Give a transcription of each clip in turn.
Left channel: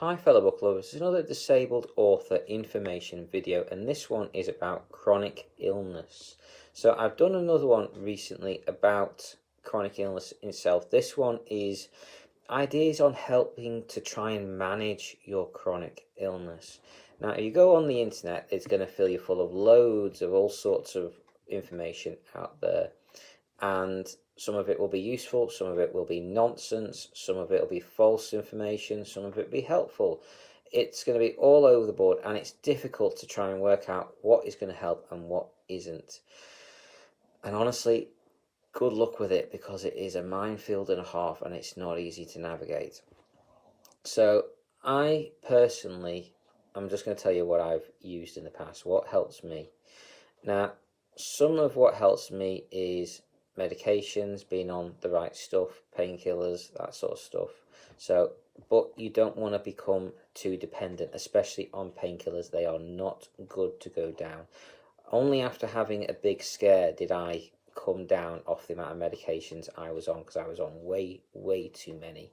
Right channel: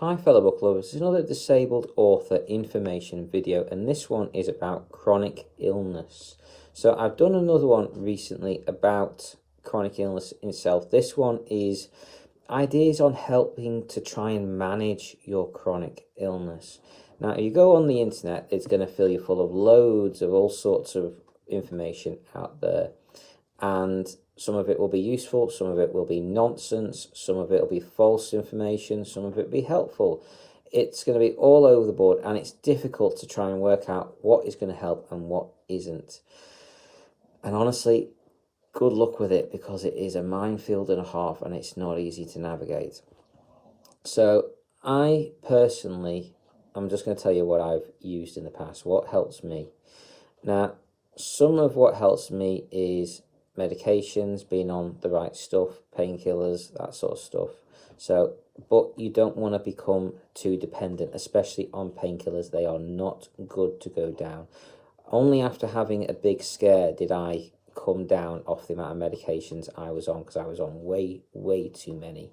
Hi fellow book lovers, there's another disabled author information video, and this one is about chronic illness. So I've done another one recently about chronic illness itself. This one is ideas on helping to try and manage your chronic illness. Now, if you go on the internet, it's going to fill you full of loads of all sorts of information out there, and some of it will be useful, some of it will be nonsense, some of it will be false information, some of it will be helpful. It's going to be all over the board, and it's difficult to try and work out what is going to help and what isn't. And honestly, good luck with it, because it is a minefield and a half, and it's not easy to navigate. So I personally, I'm just going to tell you what I've used in the past, what helps me. Now, some of what helps me is medications, being on the right stuff, painkillers, that sort of stuff. So, but you don't want to become too dependent, especially on painkillers. They are not good to go down. Only after having a big scare did I come down off the amount of medications I was on, because I was on way too many.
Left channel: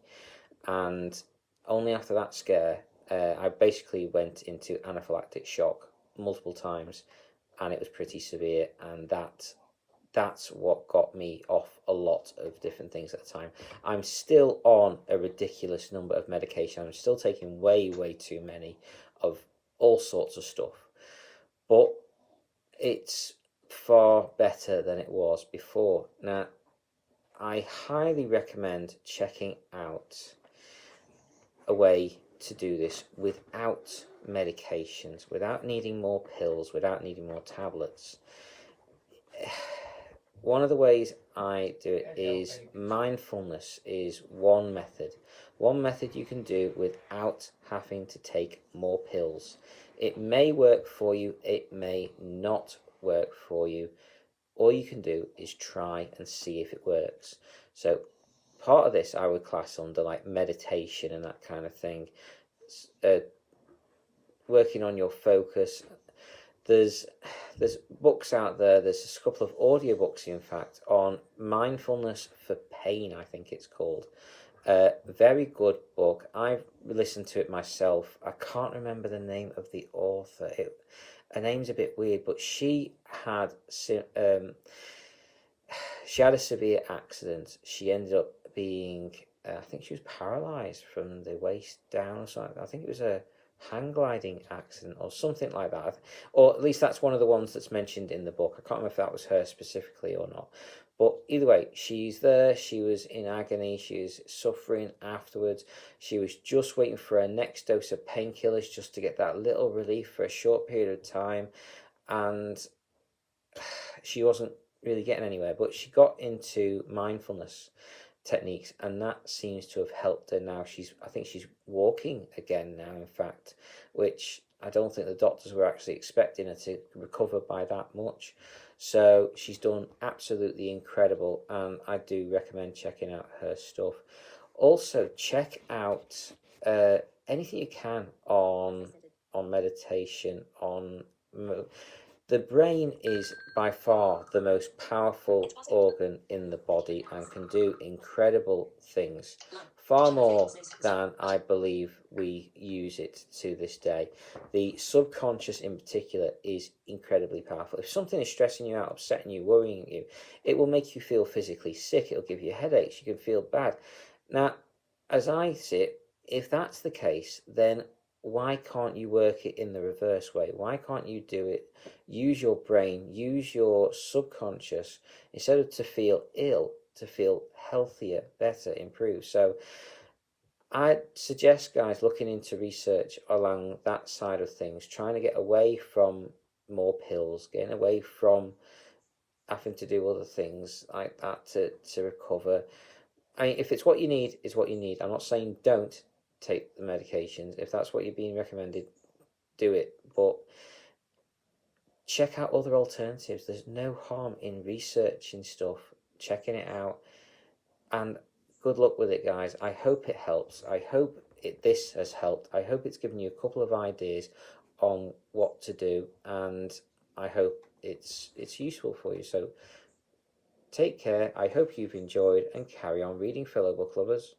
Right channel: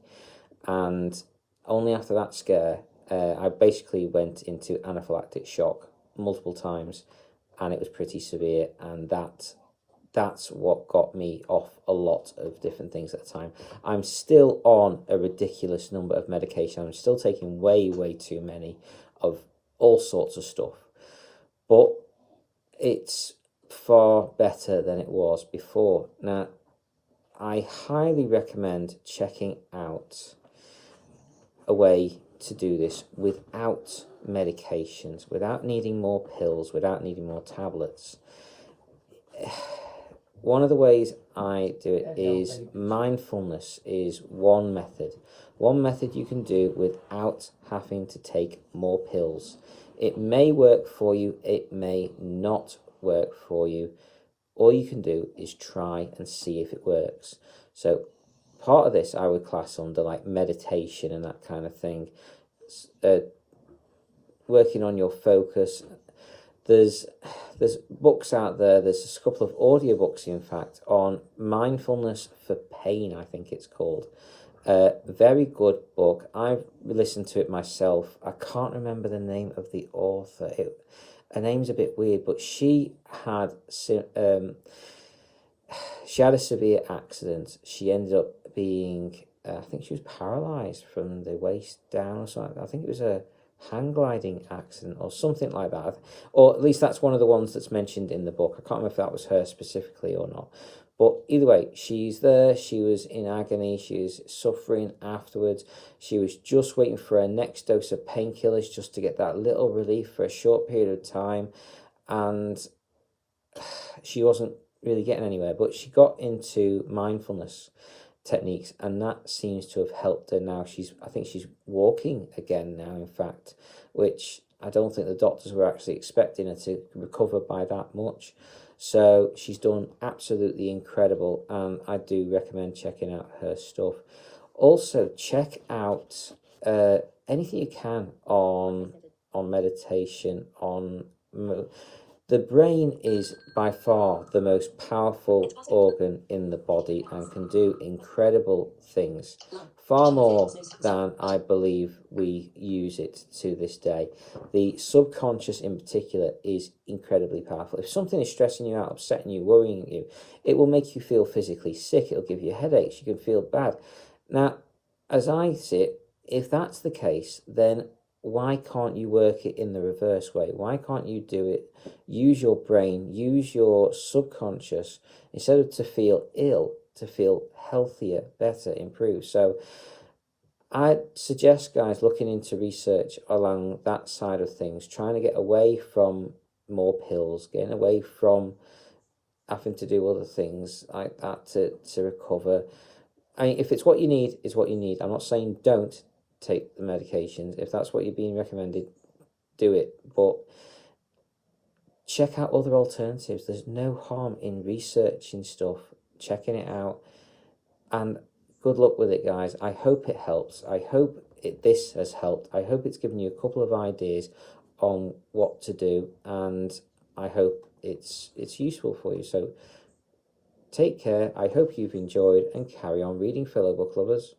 And only after that scare, I basically went into anaphylactic shock multiple times, and it was pretty severe, and that's what got me off a lot of different things at the time. I'm still on a ridiculous number of medication. I'm still taking way too many of all sorts of stuff, but it's far better than it was before. Now, I highly recommend checking out a way to do this without medications, without needing more pills, without needing more tablets. One of the ways I do it is mindfulness is one method. One method you can do without having to take more pills. It may work for you, it may not work for you. All you can do is try and see if it works. So part of this I would class under like meditation and that kind of thing. Working on your focus. There's books out there, there's a couple of audiobooks in fact on mindfulness for pain, I think it's called. Very good book. I've listened to it myself. I can't remember the name of the author. Her name's a bit weird, but she had a severe accident. She ended up being, I think she was paralyzed from the waist down or something. I think it was a hang gliding accident or something like that, or at least that's one of the ones that's mentioned in the book. I can't remember if that was her specifically or not, but either way, she's there. She was in agony, she was suffering afterwards. She was just waiting for her next dose of painkillers just to get that little relief for a short period of time, and she wasn't really getting anywhere. But she got into mindfulness techniques, and that seems to have helped her. Now I think she's walking again now, in fact, which I don't think the doctors were actually expecting her to recover by that much. So she's done absolutely incredible, and I do recommend checking out her stuff. Also, check out anything you can on meditation, on the brain is by far the most powerful organ in the body and can do incredible things, far more than I believe we use it to this day. The subconscious in particular is incredibly powerful. If something is stressing you out, upsetting you, worrying you, it will make you feel physically sick. It'll give you headaches. You can feel bad. Now, as I see it, if that's the case, then why can't you work it in the reverse way? Why can't you do it? Use your brain, use your subconscious, instead of to feel ill, to feel healthier, better, improved. So I suggest guys looking into research along that side of things, trying to get away from more pills, getting away from having to do other things like that to recover. I mean, if it's what you need, it's what you need. I'm not saying don't take the medications. If that's what you're being recommended, do it, but check out other alternatives. There's no harm in researching stuff, checking it out, and good luck with it, guys. I hope it helps. I hope this has helped. I hope it's given you a couple of ideas on what to do, and I hope it's useful for you. So take care. I hope you've enjoyed, and carry on reading, fellow book lovers.